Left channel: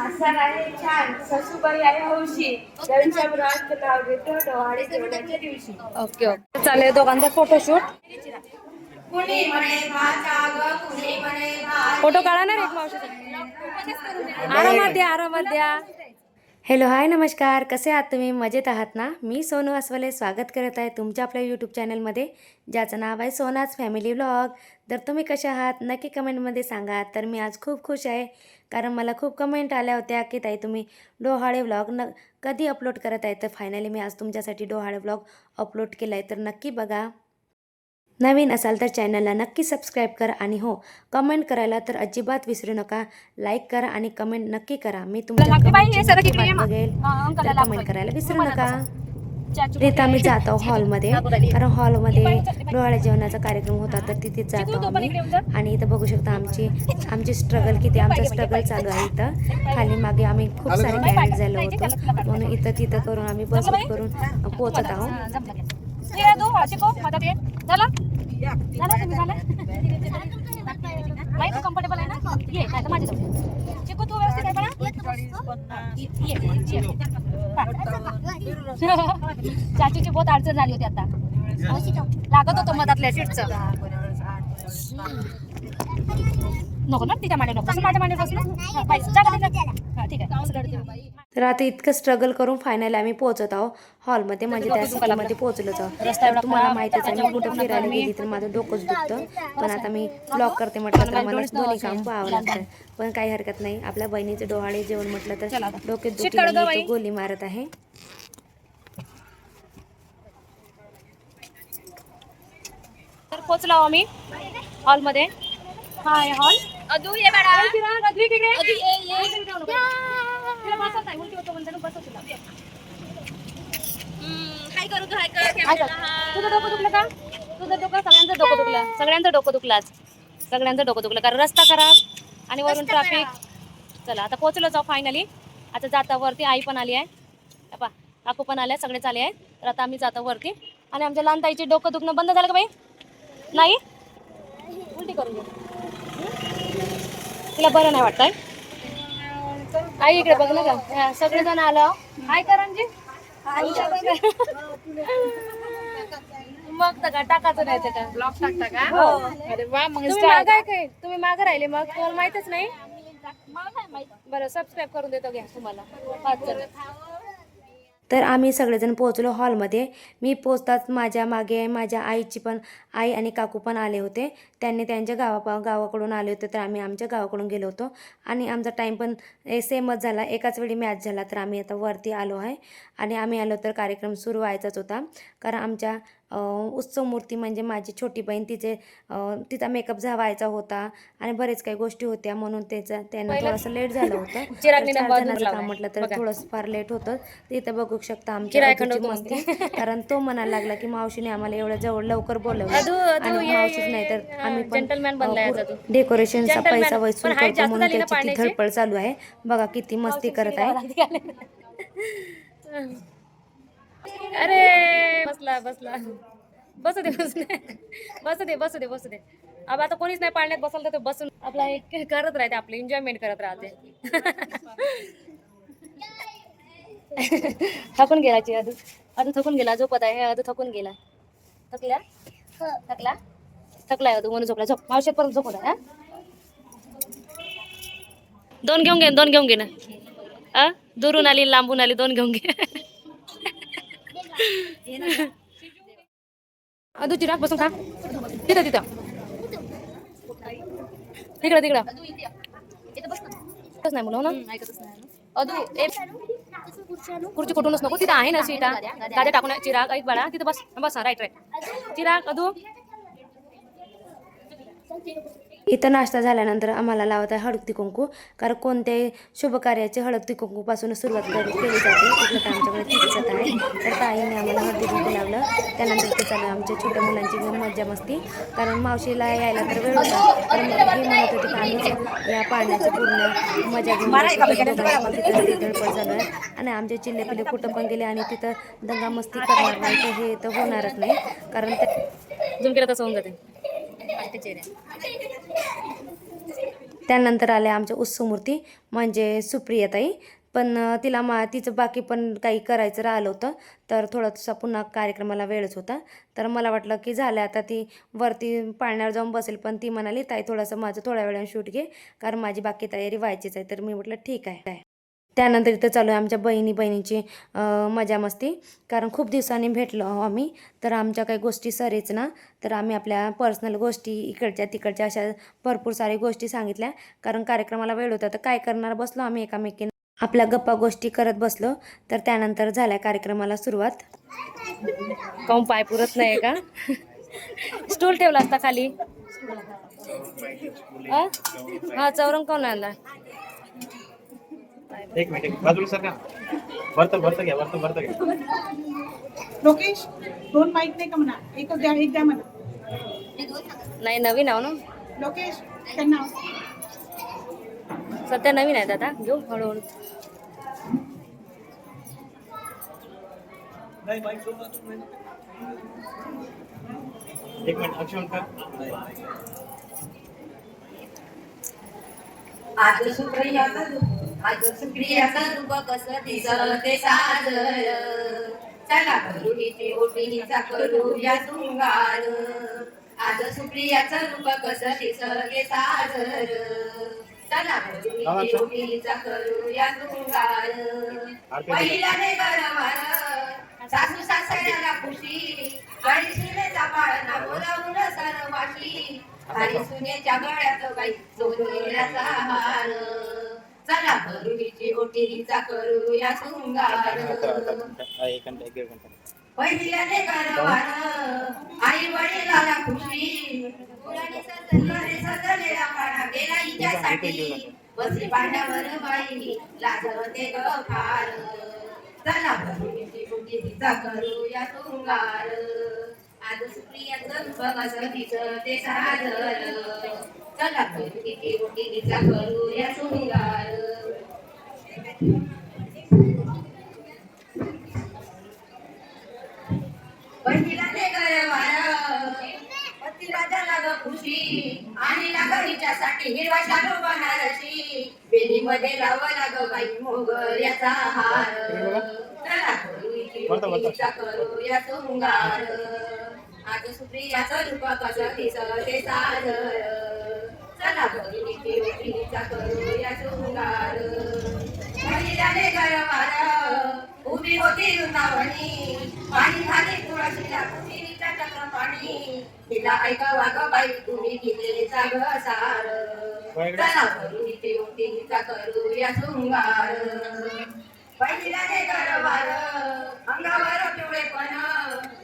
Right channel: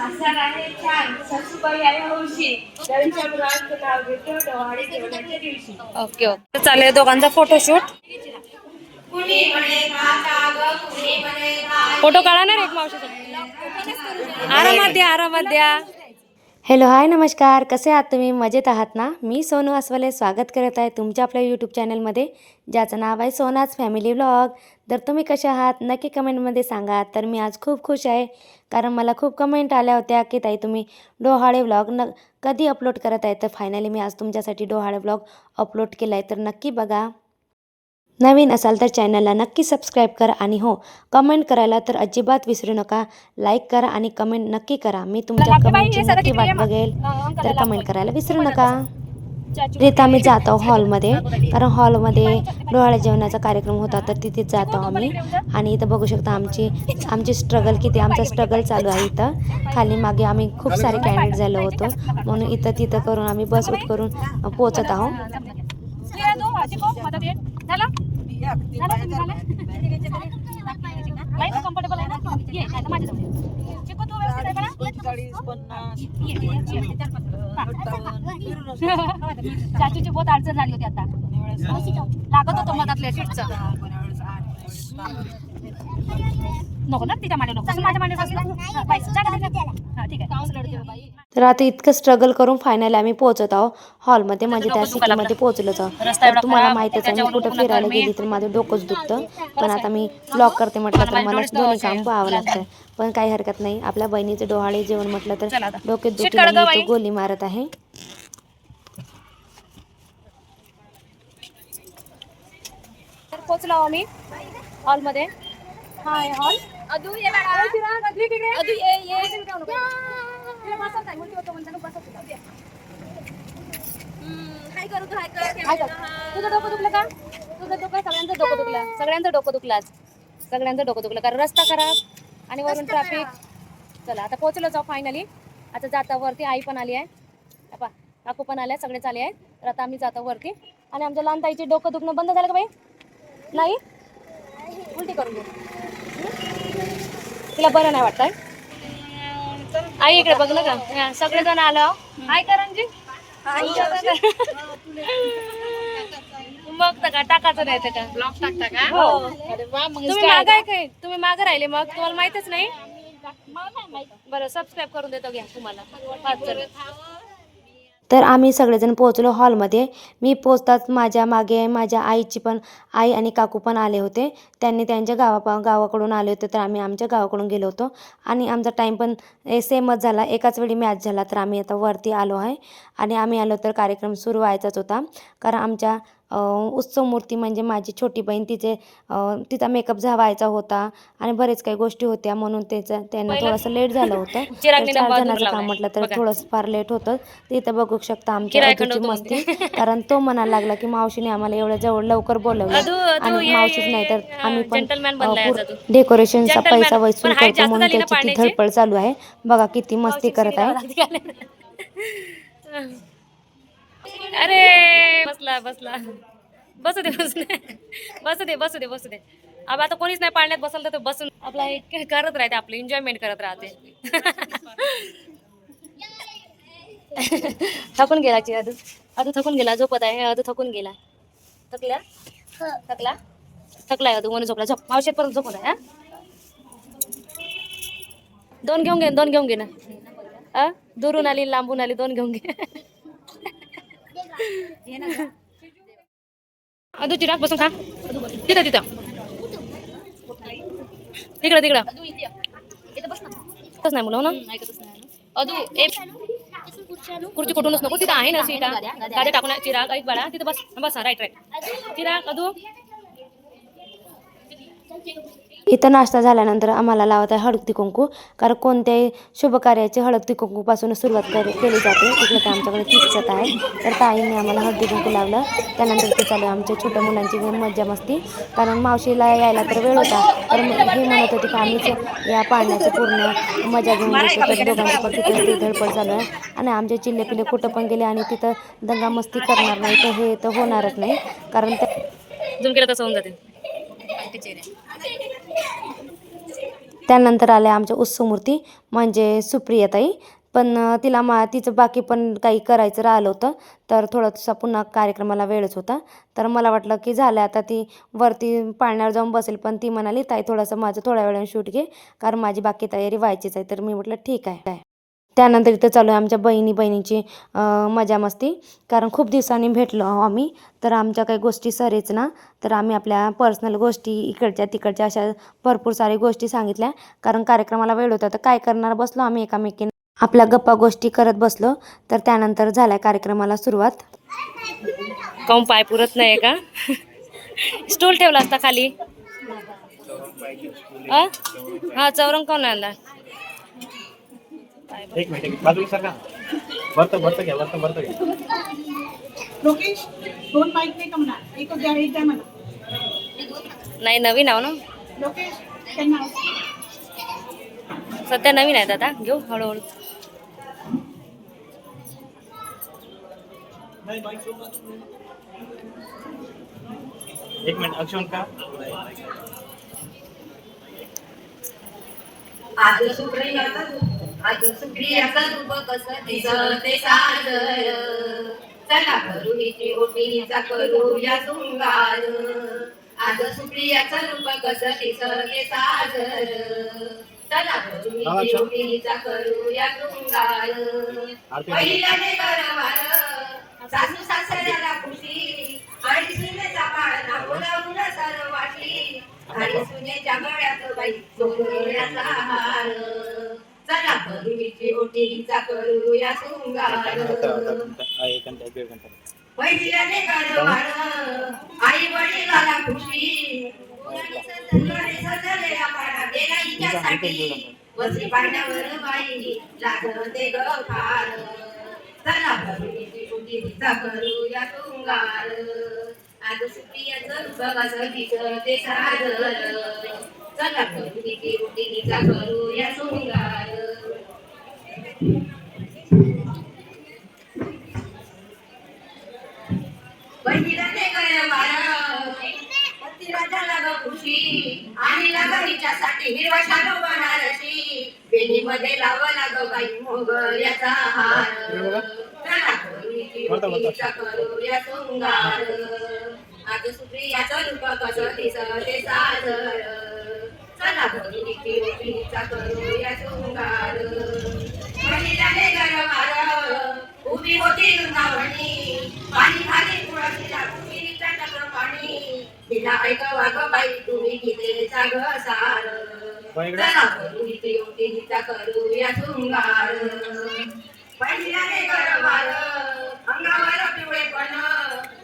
सासर आहे छान. सासूबाई आहे हौशी. त्यांच्या मुलाचं नाव घेतो डोहाळे जेवणाच्या दिवशी. Okay okay. चालेल दोघांचा फोटोशूट कुणी म्हणे भाता ग कुणी म्हणे भात फोटो काढणार एक मावशी आरामात द्या आरामात द्या. हॅलो हाय नमस्कार. कसे आहात तुम्ही? मजेत आहात ना? मी सोनू अस्वले स्वागत करत आहे तुमच्या आपल्या यूट्यूब चॅनलमध्ये ज्याचं नाव आहे सोनाज फॅमिली व्लॉग तर तुम्ही कशा आहात? नक्की कमेंटमध्ये सांगा. तर मी आज खूप खुश आहे. कारण मला खूप कमेंट आल्या होत्या की ताई तुम्ही डोहाळे व्लॉग न कधी अपलोड करत आहे? तर फायनली मी आज तुमच्यासाठी डोहाळे व्लॉग अपलोड केला आहे तर नक्की बघा. नवीन असाल तर चॅनलला नक्की सबस्क्राईब करा आणि हो कमेंट करायला तर अजिबात विसरू नका. लाईक करा आणि कमेंट नक्की करा. मी तुमच्या कमेंटची नक्की वाट? बघेल. तर. कमेंट करायला विसरू नका. तिथं आम्ही जात आहोत हॉलमध्ये. कारण हॉलमध्ये डोळ्या जेवणाचा कार्यक्रम होता तर तिथेच जातो आम्ही. आणि इथं बघू शकता आमची आमची स्ट्रगल किती आमचा स्ट्रगल चालू आहे इथं. खाली मागे आम्ही खूप सारे कॅन्डिडेट झालो होतो. म्हणून इथं तिथं करून आम्ही बस उठ करून पोचत आहोत. नाही का comfortable आहे ना? ये, नाही तर माझ्यासोबत. शिकव तू व्यवस्थित आहे बरं? ये, ये, ये. चाचूची बहुत अडचण झाली होती आता लागत होतं मधातल्या सीटचं नको ना तिच्या मांडी नको माझ्या मांडीवर बस ना. बाई, जा का तिकडे? हा, ठीक आहे तर आता इतकं स्ट्रगल करून फायनली आम्ही पोहोचत आहोत. हॉलमध्ये म्हणजे त्या सिटीमध्ये पोहोचलोच आहोत. तुम्हाला माहितीच आहे मी कुठं फिरायला. गेली तर माझं डोकंच दुखतं. पण आता मी ब्लॉग करते म्हटलं तर मला दोन्ही काम पाहावं लागतं. पण काही हरकत नाही. आपल्या बहिणीचं डोहाळे जेवण म्हटलं तर. डोक्यात शीट काढ गं दुखी बाई. गोली मारत आहे. तर पोचलो आम्ही हॉलमध्ये हा हॉल अदू ये मॅडम. तुझं डोकं दुखलं का? तुझं डोकं सगळ्यांचं डोकं दुखलं. सगळ्यांचं डोकं दुखलं आज. सगळ्यांचं डोकं दुखलं. कारण रस्ता खराब आणि वरून ट्रॅफिक चला आता पोहोचलो जाऊ फायनली आता जाता वरती आई पण आली आहे. आपा काकू पण आल्या सगळेच आले आहेत. तर आता आम्ही जातो वरती. आणि आमच्या लहान ताईचे डोकं दुखणं बंद झालं का बाई? नाही? उलटी करून तिला बरं नाही वाटतंय? आई इकडे बघ ना का सगळेजण आलो हाय करणजी मग का टाकायचं नाही ते का ब्लॉग टाकता का? हो. तुम्ही माग आहे काय? तुम्ही माग राहिले मग? तुम्हाला माहितच नाही? बरं सबस्क्राईब करून देतो घ्या तुम्हाला. पाच जण तर आम्ही सगळेजण पोहोचलो हॉलमध्ये. मी पोचताच माझ्या मागे माझ्या आईची पण आई आणि काकू पण आले होते. त्यांनी त्यांच्या गावा गावाकडून आले होते तर आम्ही आमच्या गावाकडून गेलो होतो. आणि आमचा टाईम पण सेमच झाला. एकाच वेळी मॅच झाला तर आम्ही आता वरती आलो आहे. आणि आम्ही आलो तर कार्यक्रम सुरू व्हायचाच होता. कारण आमच्या उत्सव मूर्ती म्हणजे माझी छोटी बहीण तिचे तिचा मेकअप व्हायचा होता आणि बरेच काही गोष्टी होत्या म्हणून त्याचं त्यांना थोडंसं लेट झालं होतं जणांचं. काम म्हटलं तर. थोडंसं फार लेट होतं तिथं बघू शकता होतं मस्ती कारण तो म्हणायला लागला की मावशीने आम्हाला एवढं जवळ लवकर बोलवलं आणि मावशीच नाही तर. आम्ही पण. डेकोरेशनचा. पैसा वसूल करतो म्हणून त्याची ती? धडपड चालू आहे बघा किती मस्ती करत आहे अरे बसला बसला. बसू दे बसू दे. बसू दे बसू दे बसू दे. अब आता कोणीच नाही पाळण्यात बसल तर बसून आपला एक करत राहते आपले एन्जॉयमेंट करत राहते. थकून गेला ची अजून अदू थकून गेला झोपत आहे. अदू थकून गेला. थकला? थकला? थकलाय अदू म्हणून झोपला. झोप. मावशेत परत झोपत आहे हा? दोन घेऊन घे दोन घेऊन घे ना. दुरून आली लांबून आली दोन घेऊन घे. अदू चिराग बसून खा. तिथं तिथं. तिकडं तिकडं. नाही मुलं हो ना? अदू ए खुर्ची कुठूनच नको तिथं आहे ना सीटा. गाड्या टाकून. चिराग ऐक बाळा तिथं बस बस राईट राईट चिराग अदू. इथं नाश्ता झाल्यानंतर आम्हाला लावत आहे हळदी कुंकू कारण कोणत्याही शुभ कार्याची हळदी कुंकूपासून सुरुवात कर केली जाते. इकडे तर आमच्याकडे किचत आहे. तर ताईने आम्हाला हळदी कुंकू लावलं. त्यानंतर ते चालू आमच्या छोट्या मुलांची मज्जा मस्ती. कारण मावशीला यायला तर वेळ होता. तर मग हे म्हणत होते की आम्हीच या पाण्याची पूर्ण मजा घेऊन घेतो तर दोघांची पण धडपड चालू आहे. आणि आमचे चिल्ले पिल्ले कुठं पण गेले आणि तिथं दंगा मस्ती करणार नाही तर हे तर होणारच नाही. कारण त्या तसं होऊन जाते. त्यानंतर आल्या आमच्या उत्सवमूर्ती म्हणजे सुप्रियाताई. पण तिला मा तिचं बाकी पण काही करायचं राहिलं होतं तर थोडासा पुन्हा कार्यक्रमाला वेळच होता. तर मला वाटलं की झालं आता ती वरती पाळण्यावर जाऊन बसेल पण ती म्हणाली ताई थोडंसं माझं थोड्या वेळाने शूट घे कारण माझी बाकी तयारी व्हायचीच आहे. तर मी म्हटलं ठीक आहे. त्यानंतर इथं चालू आहे आमच्या बहिणी बहिणीची मजा मस्ती. कारण खूप दिवसांनी भेटलो आहो आम्ही. तर आमच्या काही गोष्टी सरेच ना तर आम्ही आपल्या पर्सनल गोष्टी इकडच्या तिकडच्या अशा भरपूर साऱ्या गोष्टी सांगितल्या. कारण कार्यक्रमाला वेळ होता तर काय करणार बसलो आम्ही एकामेकीने. आपल्या गप्पा गोष्टी करत बसलो. तर त्यानंतर झाल्या कार्यक्रमाला सुरुवात. काऊन पाय पुरत नाही का? स्टूल ठेवला असता खाली. हा चौरंग कोण आणला? एक मिनिट एक बाजूला सरका वरतं वरतं घ्या वरतं वरतं घ्या. लोकेश दोन माईक नाही का म्हणा? एकच द्या एक द्या म्हणा. नाही नवीन आहो ना. लोकेश त्यांना सध्या नवीन आहेत आता. घेऊ हळूहळू. एक मिनिट अक्षण का आज सुप्रियाचा सुप्रियाचा रूप कसं दिसते सादर चला करू हिची ओटीचा करूया शृंगार. आज सुप्रियाचा रूप कसं दिसते सादर चला करू हिची ओटीचा करूया शृंगार. पहिला नाही बरोबर सासू सासऱ्याला खुशी आणि सुनेचा पाळणा बोलावून सर्वाशी. आणि सुनेच्या गळ्यात बाई सोन्याचा हार. चला हिची करूया कारभार आई वडिलाला खुशी. मुलाने सजले सजलेला पाडा गेला हिच्यासाठी. बसली पाण्यावर बाई लागते ग फार. चला करूया शृंगार. आज सुप्रियाचं ते सादर चला तिचा करूया शृंगार बहिणीला ते गरवार पतीला झाला ग खुशी आणि लागणीच्यासाठी हिरवा शालो बनारसी बेनीमध्ये लावला ग बाई मोगऱ्याचा हार चला बहिणीची ओटीचा करूया शृंगार. आज सुप्रियाचं रूप कसं दिसत ते सादर चला बहिणीची ओटीचा करूया शृंगार. गरवार उभी होती वृंदावणी. पाणी खाली तुळशीला कुंडीचा चक्र पाणी तिला ऐकावा ग बाई तुम्ही किल्लेचा ग सार. चला करू इथे ओटीचा करूया शृंगार. पहिला ने गरवार अंगावर पिवळेपण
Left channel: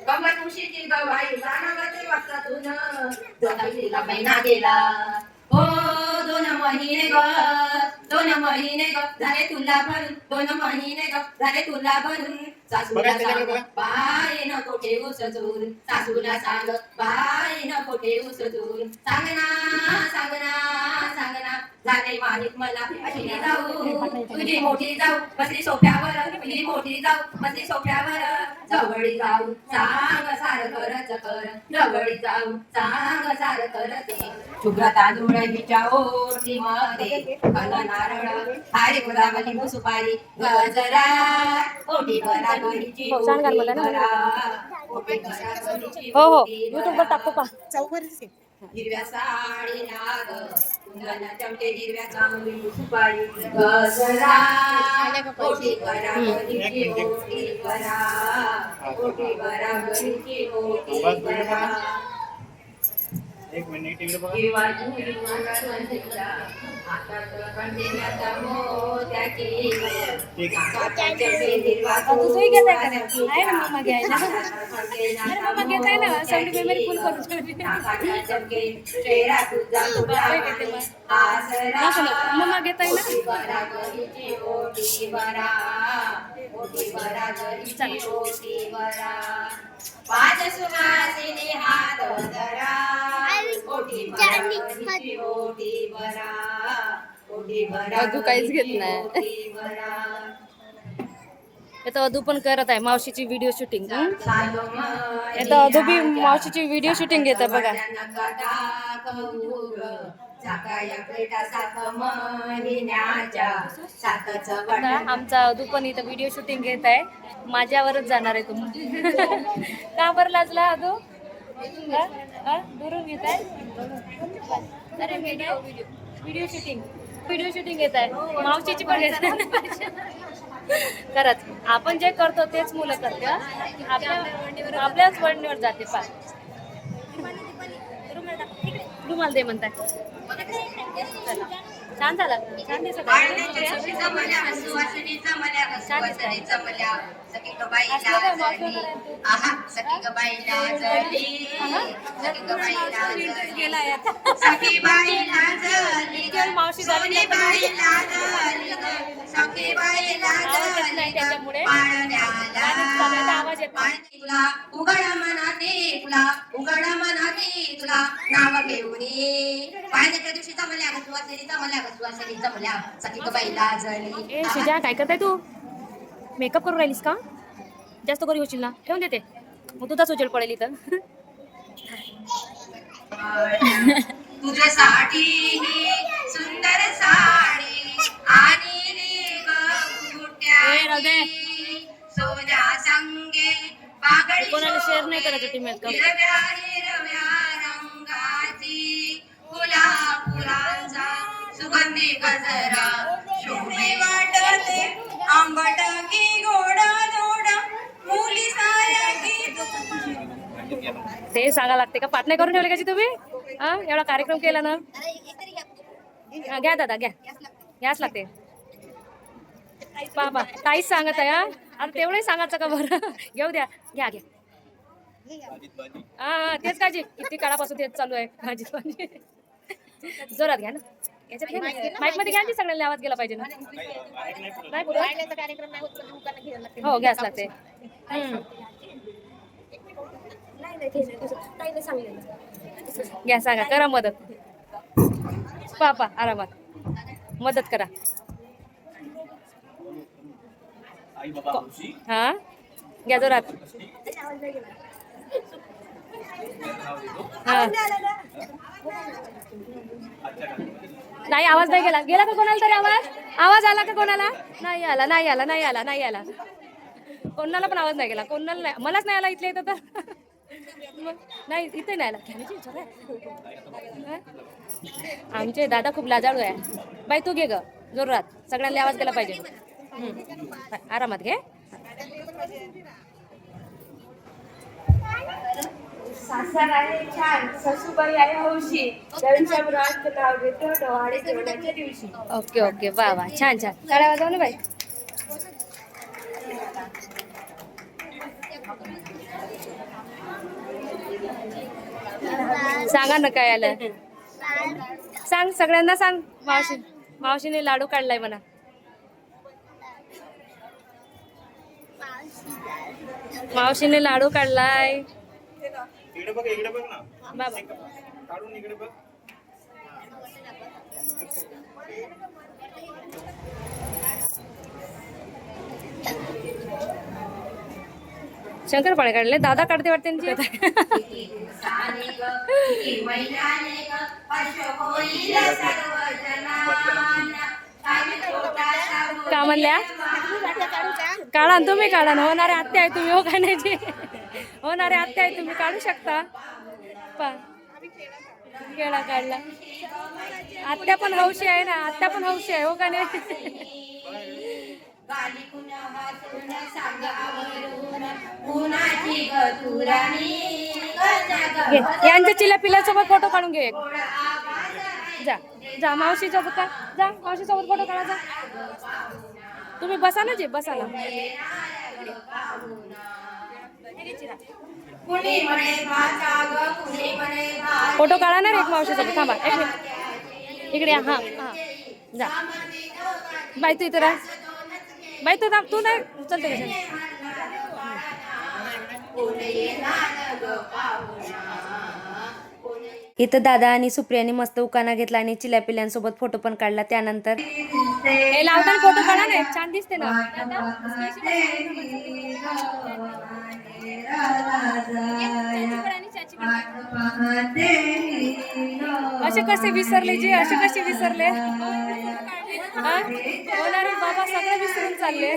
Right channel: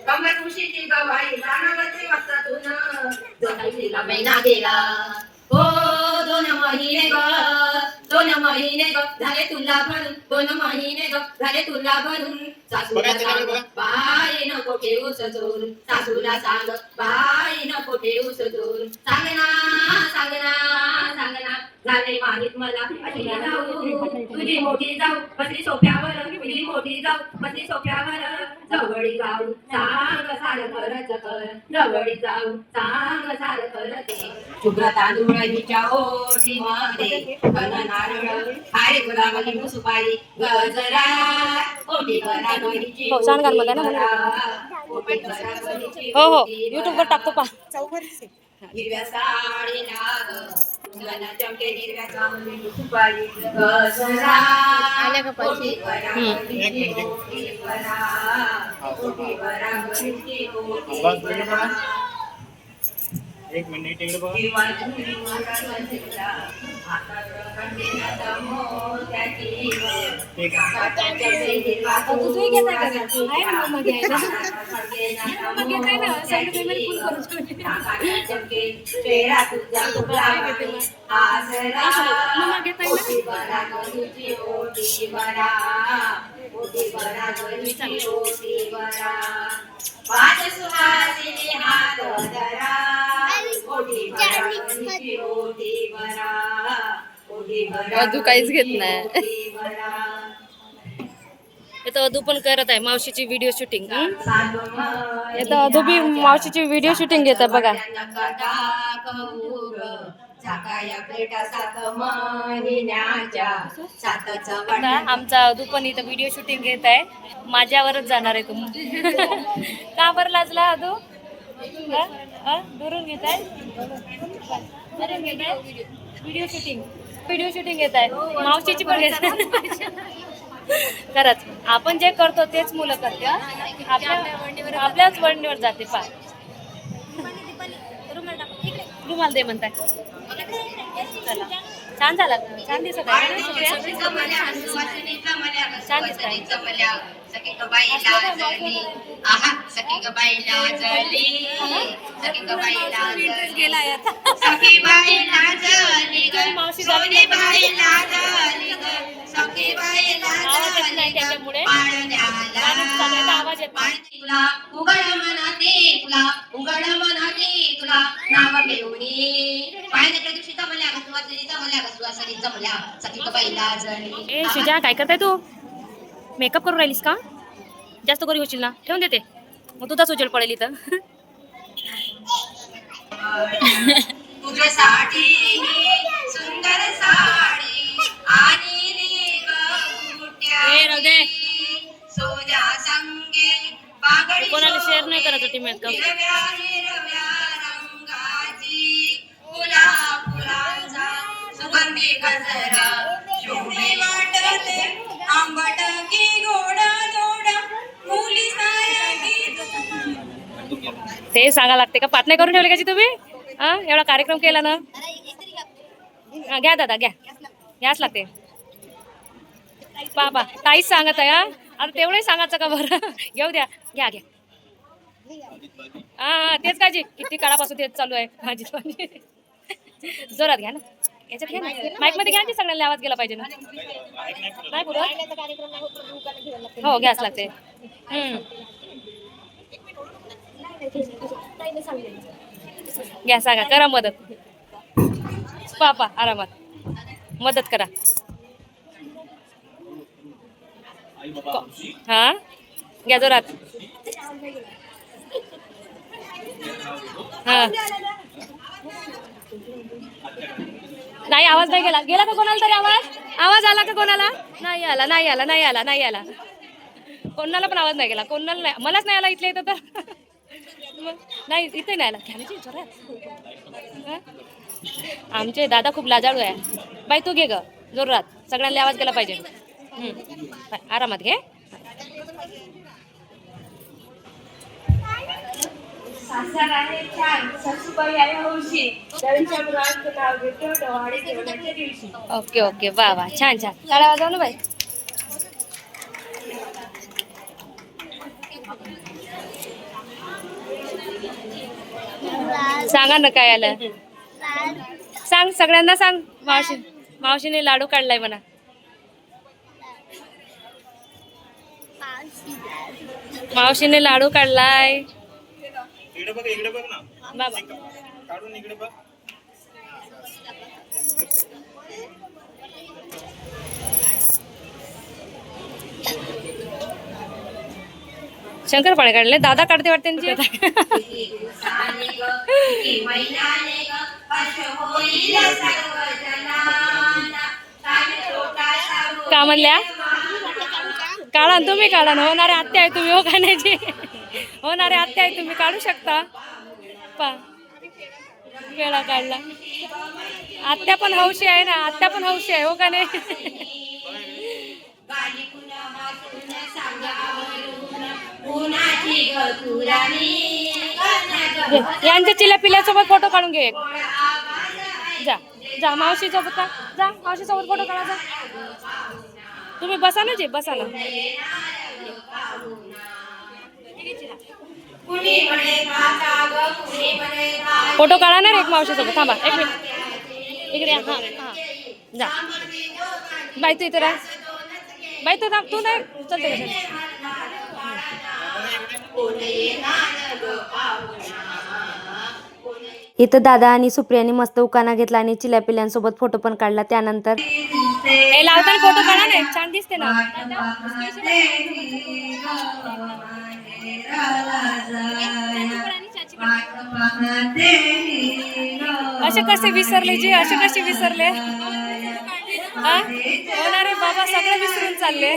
कमर खुशीची गवाई जाणवते वस्तातून जगाईला महिना गेला. हो दोन महिने ग. दोन महिने ग झाले तुला भरून दोन महिने ग झाले तुला भरून सासूला सांग. बाई नको ठेवू सजूर सासूला सांग बाई नको ठेवू सजूर सांग ना सांग ना सांग ना झाले माहीत मला अशी जाऊ तुझी मोठी जाऊ बसली सोफ्यावर तुझी मोठी जाऊ बसली सोफ्यावर जवळी जाऊ सांग सार करत कर जवळी जाऊ सांग सार करत शुभ्र तांदूळ हिच्या ओटी मध्ये गुलाब लिंबू सुपारी गजरा ओटी गडीची हो, सांगा ना मला ना, हो हो. ओटी युट्यूब वर भरा. टाकतो पा हिरव्या साडी नाग मुलांना चमके हिरव्या चांगली सुपारी गजरा ओटी भरा गडीची ओटी भरा ओटी भरा गडीची ओटी भरा एक मिनिट इकडे बघा तुझंही घेत आहे का नाही? आहे ना मम्मा घ्यायला? हाताच्या मम्मा घेत आहे ना? सगळी मेमरी फुल करून ठेवली. हाताच्या चमके चेहरा तुझा फुगला आसरा मम्मा घेत आहे ना? पाच हात धरा ओटी भरा भरा अजून काहीच घेत नाही. इथं अधू पण करत आहे मावशीची व्हिडिओ शूटिंग इथं अधू बी मावशीची व्हिडिओ शूटिंग घेत आहे बघा आमचा दुपन इथं व्हिडिओ शूटिंग घेत आहे. माझ्यावरच जाणार आहे तुम्ही का बरं लाजला? हा? दुरून घेत आहे? अरे video video shooting video shooting घेत आहे. मावशीची पण खरंच आपण जे करतो तेच मुलं करते? आपल्या आपल्याच वळणीवर जाते पा रुमाल दे म्हणताय चला छान झाला. छान दिसत त्याच्यामुळे. आवाज येत तुला उघड मनाते तुला उघड मनाते तुला नाव घेऊनी पाहिजे दिवशी जमल्या जमल्या जळली ए शुजा काय करताय तू? मेकअप करून राहिलीस का? जास्त करी होशील ना. ठेवून देते. मग तुझाच उजेड पडेल इथं. तुझ्यासाठी ही सुंदर साडी आणि रे ए, राहू दे. सोजा संगे पागडी कोणाला share नाही करायचं ती makeup. सुगंधी गजरा शोभे वाटते आंबट की गोडा दोडा मुली साया की ते सांगा लागते का? पाठ नाही करून ठेवले का जी तुम्ही हा? एवढा कार्यक्रम केला ना? हा, घ्या दादा घ्या. घ्याच लागते. बाबा ताईच सांगत आहे हा? आता तेवढंही सांगायचं का बरं? घेऊ द्या. घ्या घ्या. हा हा. तेच काळजी. किती काळापासून तेच चालू आहे भाजी भाजी जोरात घ्या ना. याच्यात ना माईकमध्ये घ्या ना सगळ्यांना आवाज गेला पाहिजे ना. नाही पुरत? हो घ्याच लागते. हम्म. घ्या सांगा करा मदत. पापा आरामात. मदत करा. हा? घ्या जोरात. हा. नाही आवाज नाही गेला. गेला का कोणाला तरी आवाज? आवाज आला का कोणाला? नाही आला नाही आला नाही आला नाही आला. कोणाला पण आवाज नाही गेला. कोणाला नाही मलाच नाही आला इथल्या इथं तर. नाही इथे नाही आला. घ्यायची जोरात. आमचे दादा खूप लाजाळू आहे. बाई तू घे ग. जोरात. सगळ्यांना आवाज गेला पाहिजे. आरामात घे. सासर आहे छान. सासूबाई आहे हौशी. त्यांच्या मुलाचं नाव घेतो डोहाळे जेवणाच्या दिवशी. Okay okay. वा वा. छान छान. टाळ्या वाजव ना बाई. सांगा ना काय आलं. सांग सगळ्यांना सांग. मावशी मावशीने लाडू काढलाय म्हणा. मावशीने लाडू काढलाय. इकडे बघ इकडे बघ ना. बाबा. काढून इकडे बघ. शंकरपाळे काढले. दादा काढते वाटते का म्हणल्या? काढा ना तुम्ही काढा ना. होणारे आत्या आहे तुम्ही हो खाण्याची होणारे आत्या आहे तुम्ही काढू शकता. पा. वेळा काढला. आत्या पण हौशी आहे ना आत्या पण हौशी आहे हो का नाही? घे यांच्या चिल्या पिल्यासोबत फोटो काढून घे जा जा मावशी सोबत का? जा मावशी सोबत फोटो काढा जा. तुम्ही बसा ना जे बसा ना. फोटो काढा ना एक मावशी सोबत थांबा एक मिनिट. इकडे हा हा. जा. बाई तू इथं राह. बाई तू थांब तू नाही. चलते इथं दादा आणि सुप्रियाने मस्त उकाना घेतला आणि चिल्या पिल्यांसोबत फोटो पण काढला त्यानंतर. हे लावताना फोटो काढा ना. छान दिसते ना. असे कसे विसरले जे असे कसे विसरले? होणारे बाबा सगळे विसरून चालले.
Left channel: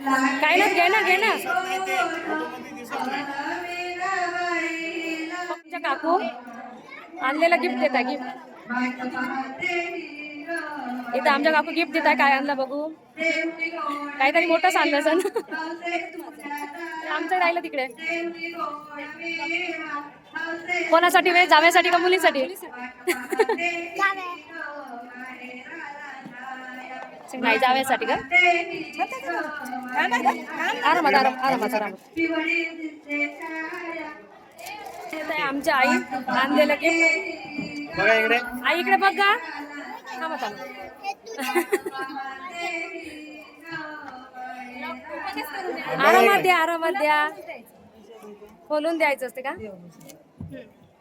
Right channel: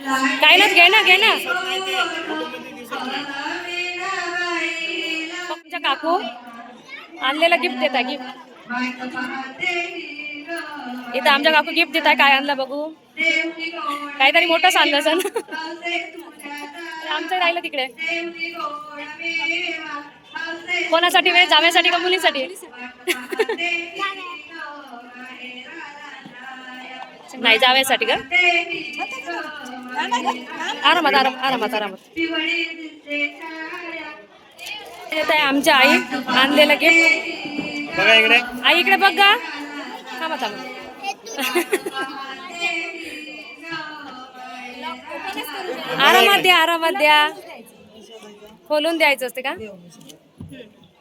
काय ना घे ना घे ना. तुमच्या काकू आणलेला गिफ्ट देताय गिफ्ट इथं आमच्या काकू गिफ्ट देताय काय आणलं बघू. काहीतरी मोठं सांग सण आमचं राहिलं तिकडे. कोणासाठी वेळ? जाण्यासाठी का मुलीसाठी? नाही जाव्यासाठी का? आरामात आराम आरामात आरामात. येत आहे आमच्या आई आणलेलं गिफ्ट इकडे. आई इकडे बघ गा. थांबा थांबा. आरामात द्या आरामात द्या. खोलून द्यायचं असते का?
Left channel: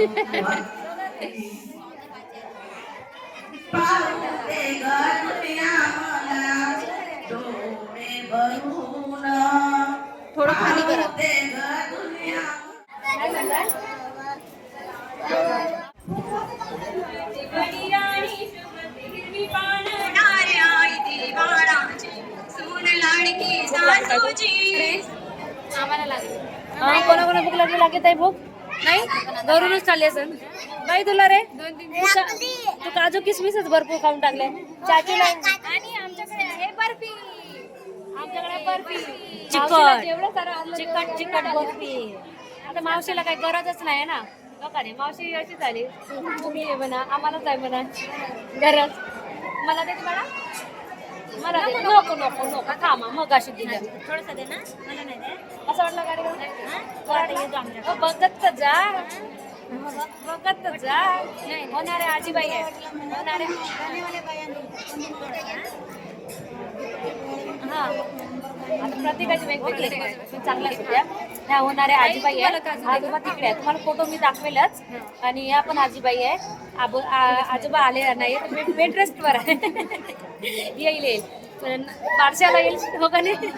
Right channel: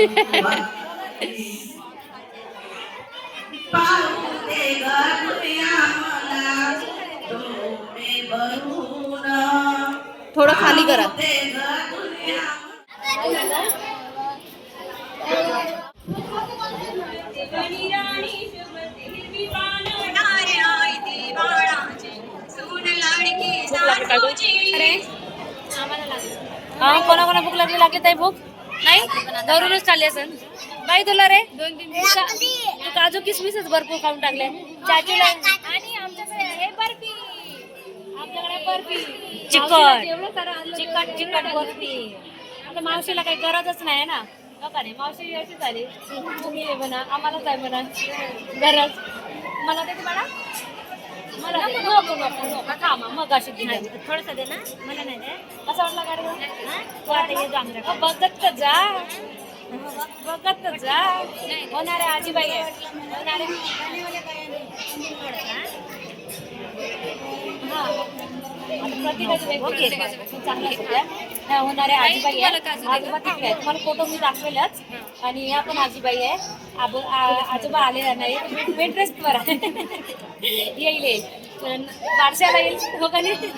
इकडे बघा. ठीक आहे थोडं खाली करा हा कोणा कोणा भूक लागली लागत आहे भूक नाही? घरूनच चालली असेल बाई तुला रे तू काजू किसमिसच भरपूर खाऊन टाकले. चाचीला आमच्याकडे बर्फी. चिकट. चिकट चिकट बर्फी. आता मावशीला काही गरजच नाही ना? नका रे मावशी अशी झाली. तुम्ही आहे म्हणा आम्हालाच आहे म्हणा. गरज. मला ते म्हणा मला. नको नको नको थांबा मग अशी दिली. थोडस दे ना. मला नाही कसं वाटलं हो, बघत तर जा. बघत तर जा. होणार आहे. आजीबाई हा आहेत त्या. ह्या होणाऱ्या आजीबाई आहे आजोबा तिकडे आहे तुम्हाला फोटो मी दाखवेलच. आणि ह्या पण आजीबाई आहे आजोबा आले नाही. बेड रेस्टवर आहे. येईल येईल. बारशाला येईल हो का नाही?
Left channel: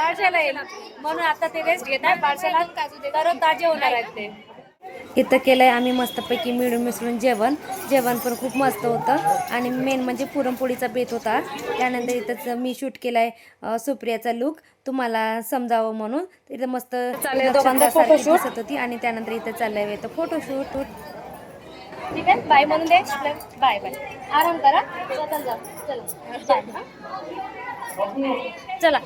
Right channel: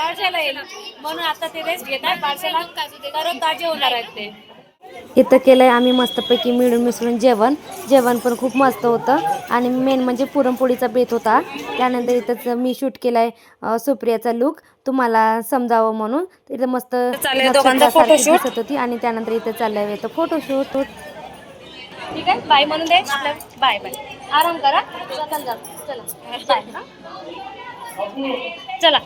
येईल म्हणून आता ते रेस्ट घेत आहे ताजे होणार आहेत ते. इथं केलं आहे आम्ही मस्तपैकी मिळून मिसळून जेवण. जेवण पण खूप मस्त होतं. आणि मेन म्हणजे पुरणपोळीचा बेत होता. त्यानंतर इथंच मी शूट केलं आहे सुप्रियाचा लुक तुम्हाला समजावं म्हणून. तर इथं मस्त. दिसत होती आणि त्यानंतर इथं चाललंय इथं फोटोशूट ठीक आहे? बाय म्हणून दे. बाय बाय आराम करा. चला. बाय? चला.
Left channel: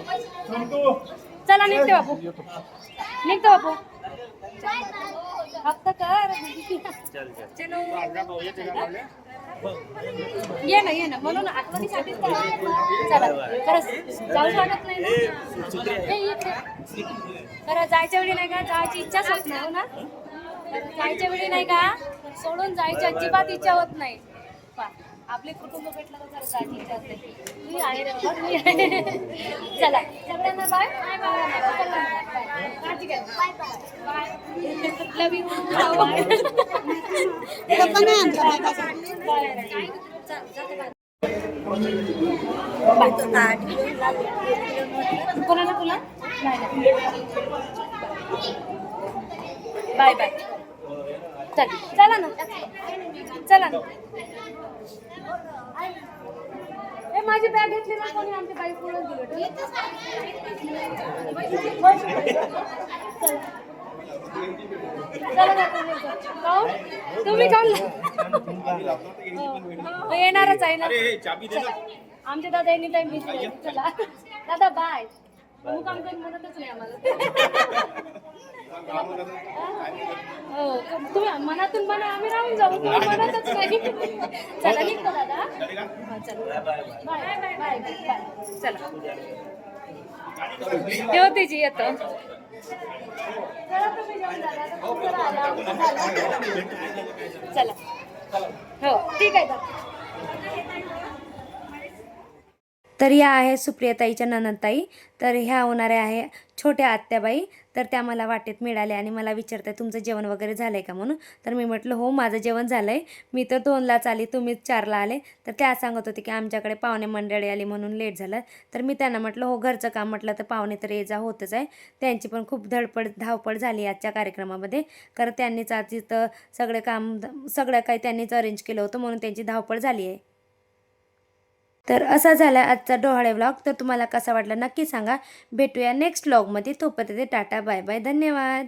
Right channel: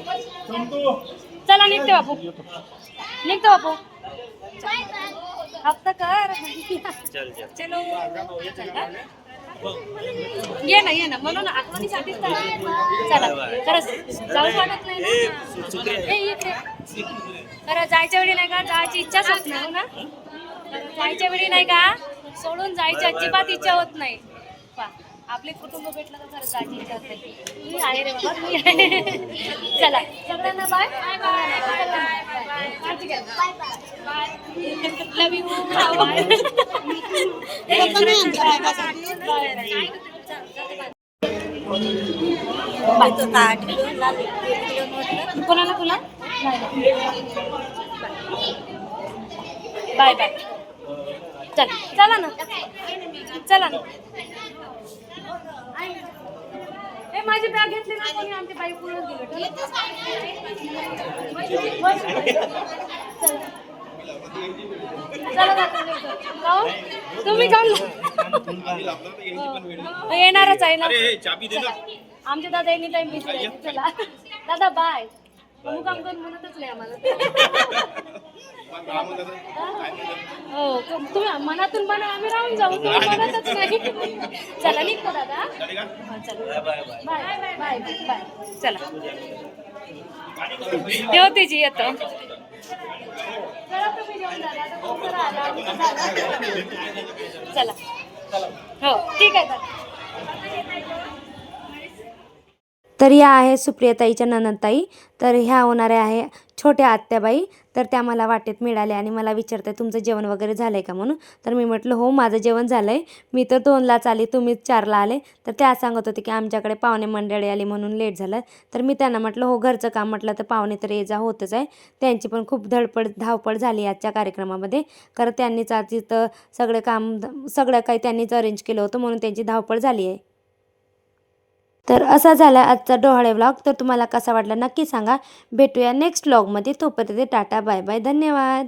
चला निघते बापू. निघतो बापू. हप्ता कर. ये ना ये ना. म्हणून आहे. चला. खरंच जाऊच वाटत नाही ना. ए, इकडे. खरं जायच्या वेळी नाही का? जायची इच्छाच होत नाही ना. जायच्या वेळी नाही का? सोडून जायची अजिबात इच्छा होत नाही. आपले कुटुंब भेटलं तर खरं काळजी इच्छा मी आहे रे बाबा. मी आहे. चला. सगळ्यांना बाय बाय बाय काळजी घ्या bye bye love you bye कोणाला? तुला बाय बाय चल. चला ना. चला ना. ए माझी बॅग घेतली ना कोणी आमची बाई पुढे गेली? तुम्ही काऊन हो, येणारच आहे ना. अरे चाबी दे ना. आमचे दादा एनी टाइम बिझी चला. दादा बाय काम करून म्हणतच नाही आम्हाला. हो तुम्ही मनातून म्हणा आम्ही राहून जाऊ. तुम्ही म्हणतच नाही. चला निघतो दादा. हा, चला. Bye bye bye. Bye bye चला. येऊ जी येतो. चला तुम्ही दादा. हो ठीक आहे दादा. तर ह्या आहे सुप्रियाताईच्या ननंदताई. तर ह्या होणाऱ्या आहे छोट्या आत्याबाई. तर त्या मला वाटेत मिळाल्या आणि मला विचारतात तुमचं जेवण वगैरे झालं आहे का? म्हणून. तर मी म्हटलं हो माझं जेवण झालं आहे मी तर दोनलाच आली तुम्ही चारला आले. तर त्या सांगत होते की आमच्याकडे पाहुणे मंडळी आली म्हणून लेट झालं. तर मी त्यांना म्हटलं हो घरचं काम म्हटलं तर पाहुणे तर ये जा होतच आहे. त्यांची पण खूप धडपड धावपळ झाली आजच्या कार्यक्रमामध्ये. कारण त्यांनीच आज तिथं सगळं काम सगळं काही त्यांनीच अरेंज केलं होतं म्हणून त्यांची धावपळ झाली आहे. तर असा झाला आजचा डोहाळे व्लॉग तर तुम्हाला कसा वाटला नक्की सांगा. भेटूया नेक्स्ट व्लॉगमध्ये तोपर्यंत टाटा बाय बाय. धन्यवाद.